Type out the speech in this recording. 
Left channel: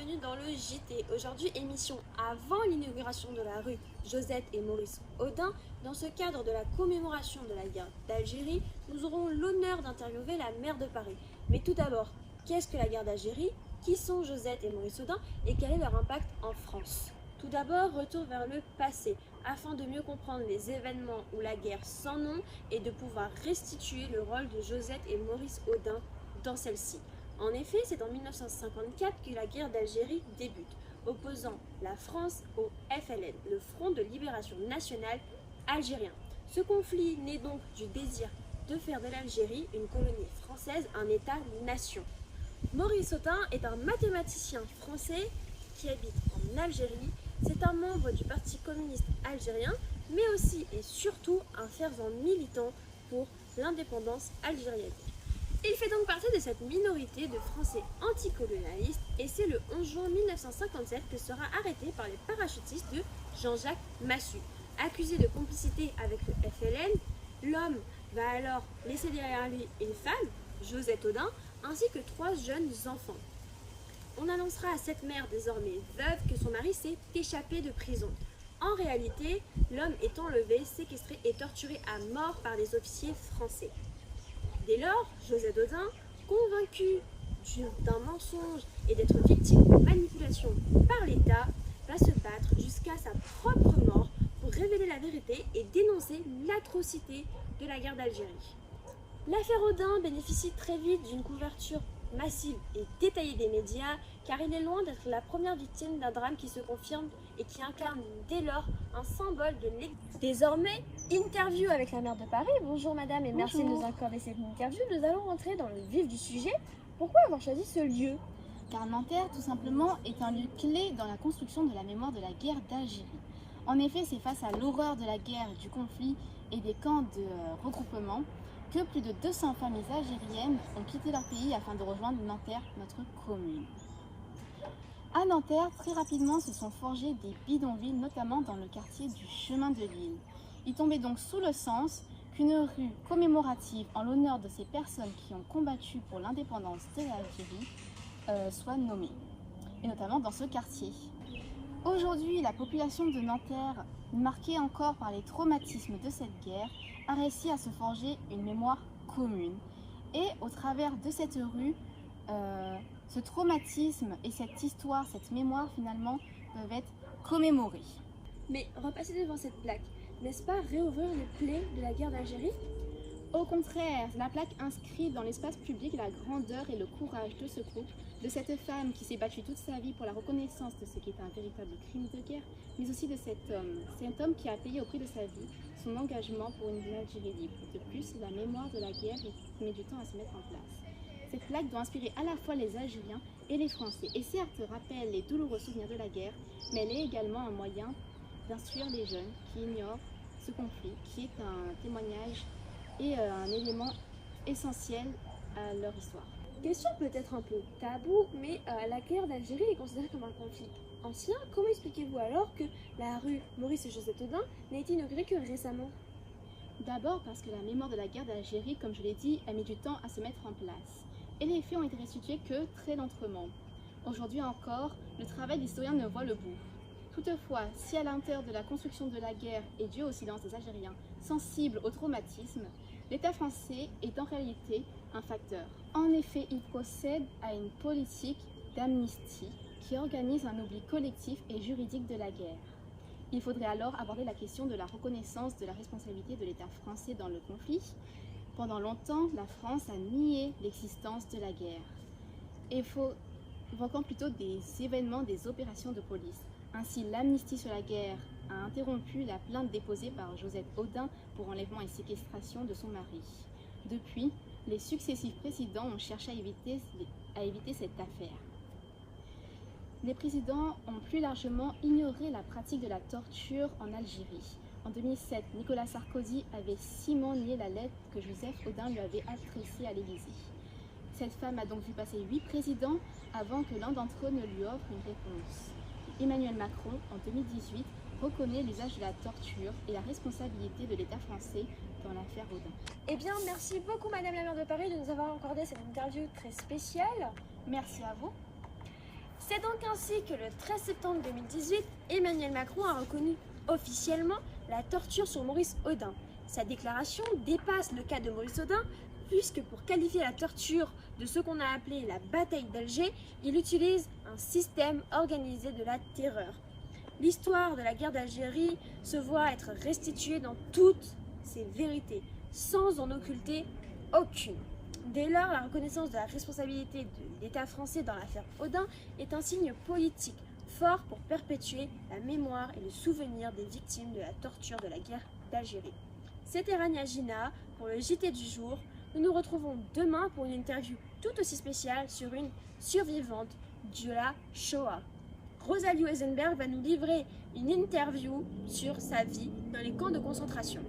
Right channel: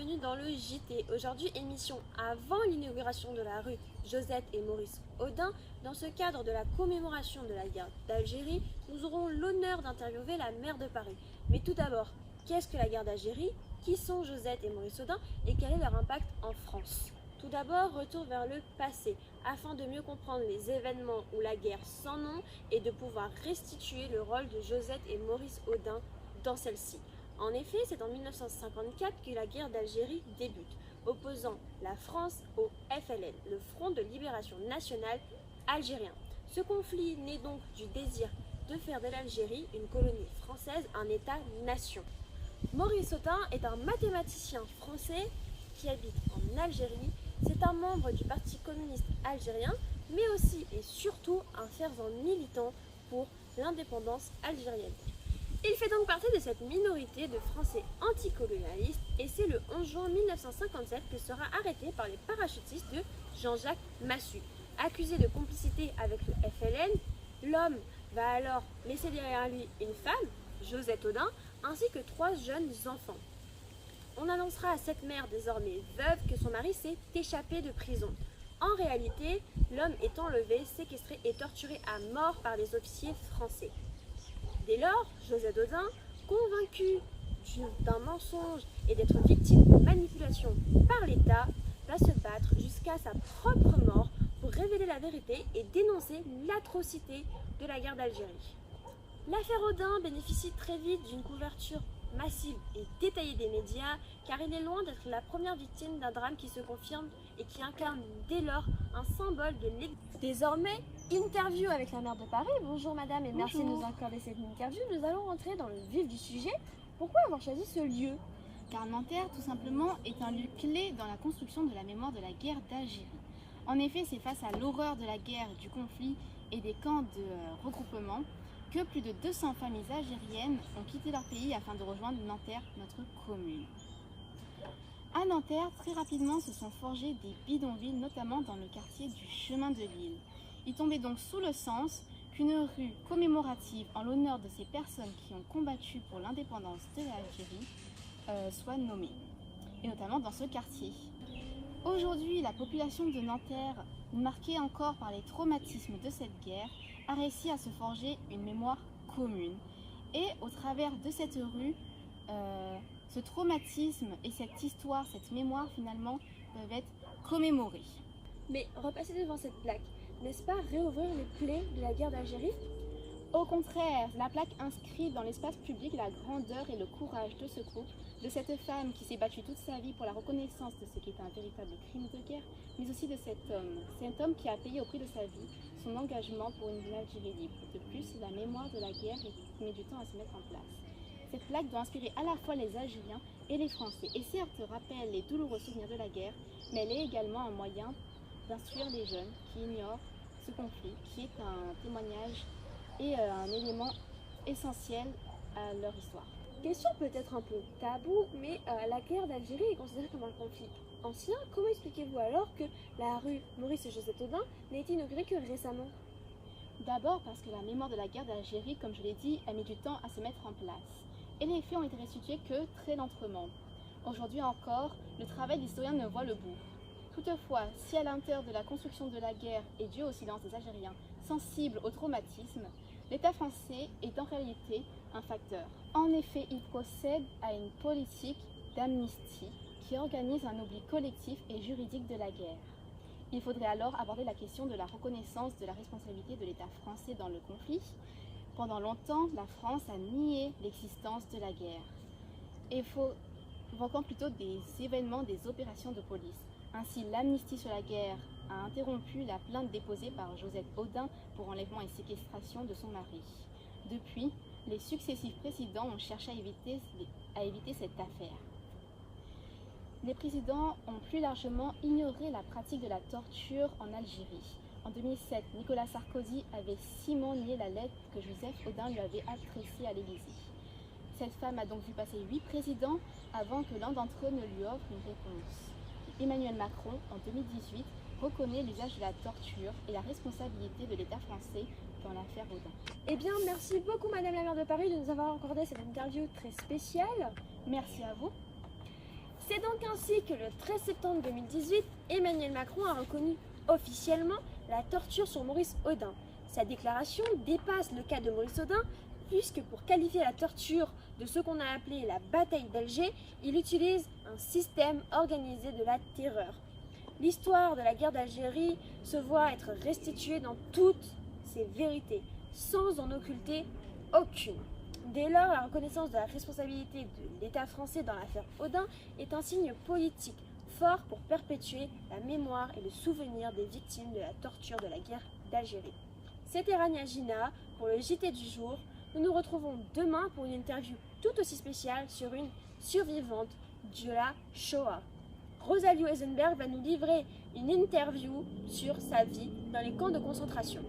bienvenue dans le JT. Aujourd'hui, émission avant l'inauguration de la rue Josette et Maurice Audin. Dans ce cadre de la commémoration de la guerre d'Algérie, nous aurons l'honneur d'interviewer la maire de Paris. Mais tout d'abord, qu'est-ce que la guerre d'Algérie? Qui sont Josette et Maurice Audin et quel est leur impact en France? Tout d'abord, retour vers le passé, afin de mieux comprendre les événements ou la guerre sans nom et de pouvoir restituer le rôle de Josette et Maurice Audin dans celle-ci. En effet, c'est en 1954 que la guerre d'Algérie débute, opposant la France au FLN, le Front de Libération Nationale algérien. Ce conflit naît donc du désir de faire de l'Algérie une colonie française, un État-nation. Maurice Audin est un mathématicien français qui habite en Algérie. C'est un membre du Parti communiste algérien, mais aussi et surtout un fervent militant pour l'indépendance algérienne. Il fait donc partie de cette minorité de Français anticolonialistes et c'est le 11 juin 1957 que sera arrêté par les parachutistes de Jean-Jacques Massu. Accusé de complicité avec le FLN, l'homme va alors laisser derrière lui une femme, Josette Audin, ainsi que 3 jeunes enfants. On annoncera à cette mère désormais veuve que son mari s'est échappé de prison. En réalité, l'homme est enlevé, séquestré et torturé à mort par des officiers français. Dès lors, Josette Audin, convaincue d'un mensonge et d'être victime de manipulation par l'État, va se battre jusqu'à sa propre mort pour révéler la vérité et dénoncer l'atrocité de la guerre d'Algérie. L'affaire Audin bénéficie très vite d'une couverture massive et détaillée des médias, car il est loin d'être la première victime d'un drame qui se confirme et qui incarne dès lors un symbole de l'exil. Désormais, interview avec la maire de Paris. Bonjour madame et merci de nous accorder cette interview. Nous allons rentrer dans le vif du sujet. Pourquoi avoir choisi ce lieu? Car Nanterre, tout simplement, est un lieu clé dans la construction de la mémoire de la guerre d'Algérie. En effet, c'est face à l'horreur de la guerre, du conflit et des camps de regroupement que plus de 200 familles algériennes ont quitté leur pays afin de rejoindre Nanterre, notre commune. À Nanterre, très rapidement se sont forgés des bidonvilles, notamment dans le quartier du Chemin de l'Île. Il tombait donc sous le sens qu'une rue commémorative en l'honneur de ces personnes qui ont combattu pour l'indépendance de l'Algérie soit nommée, et notamment dans ce quartier. Aujourd'hui, la population de Nanterre, marquée encore par les traumatismes de cette guerre, a réussi à se forger une mémoire commune. Et au travers de cette rue, ce traumatisme et cette histoire, cette mémoire finalement, peuvent être commémorés. Mais repasser devant cette plaque, n'est-ce pas réouvrir les plaies de la guerre d'Algérie? Au contraire, la plaque inscrit dans l'espace public la grandeur et le courage de ce groupe, de cette femme qui s'est battue toute sa vie pour la reconnaissance de ce qui est un véritable crime de guerre, mais aussi de cet homme qui a payé au prix de sa vie son engagement pour une Algérie libre. De plus, la mémoire de la guerre met du temps à se mettre en place. Cette plaque doit inspirer à la fois les Algériens et les Français, et certes rappelle les douloureux souvenirs de la guerre, mais elle est également un moyen d'instruire les jeunes qui ignorent ce conflit, qui est un témoignage et un élément essentiel à leur histoire. Question peut-être un peu tabou, mais la guerre d'Algérie est considérée comme un conflit ancien. Comment expliquez-vous alors que la rue Maurice et Josette Audin n'a été inaugurée que récemment? D'abord parce que la mémoire de la guerre d'Algérie, comme je l'ai dit, a mis du temps à se mettre en place. Et les faits ont été restitués que très lentement. Aujourd'hui encore, le travail d'historien ne voit le bout. Toutefois, si à l'intérieur de la construction de la guerre est dû au silence des Algériens, sensibles au traumatisme, l'État français est en réalité un facteur. En effet, il procède à une politique d'amnistie qui organise un oubli collectif et juridique de la guerre. Il faudrait alors aborder la question de la reconnaissance de la responsabilité de l'État français dans le conflit. Pendant longtemps, la France a nié l'existence de la guerre, évoquant plutôt des événements, des opérations de police. Ainsi, l'amnistie sur la guerre a interrompu la plainte déposée par Josette Audin pour enlèvement et séquestration de son mari. Depuis, les successifs présidents ont cherché à éviter cette affaire. Les présidents ont plus largement ignoré la pratique de la torture en Algérie. En 2007, Nicolas Sarkozy avait ciment nié la lettre que Joseph Audin lui avait adressée à l'Élysée. Cette femme a donc vu passer 8 présidents avant que l'un d'entre eux ne lui offre une réponse. Emmanuel Macron, en 2018, reconnaît l'usage de la torture et la responsabilité de l'État français dans l'affaire Audin. Eh bien, merci beaucoup Madame la maire de Paris de nous avoir accordé cette interview très spéciale. Merci à vous. C'est donc ainsi que le 13 septembre 2018, Emmanuel Macron a reconnu officiellement la torture sur Maurice Audin. Sa déclaration dépasse le cas de Maurice Audin, puisque pour qualifier la torture de ce qu'on a appelé la bataille d'Alger, il utilise un système organisé de la terreur. L'histoire de la guerre d'Algérie se voit être restituée dans toutes ses vérités, sans en occulter aucune. Dès lors, la reconnaissance de la responsabilité de l'État français dans l'affaire Audin est un signe politique fort pour perpétuer la mémoire et le souvenir des victimes de la torture de la guerre d'Algérie. C'était Rania Gina pour le JT du jour. Nous nous retrouvons demain pour une interview tout aussi spéciale sur une survivante de la Shoah. Rosalie Eisenberg va nous livrer une interview sur sa vie dans les camps de concentration.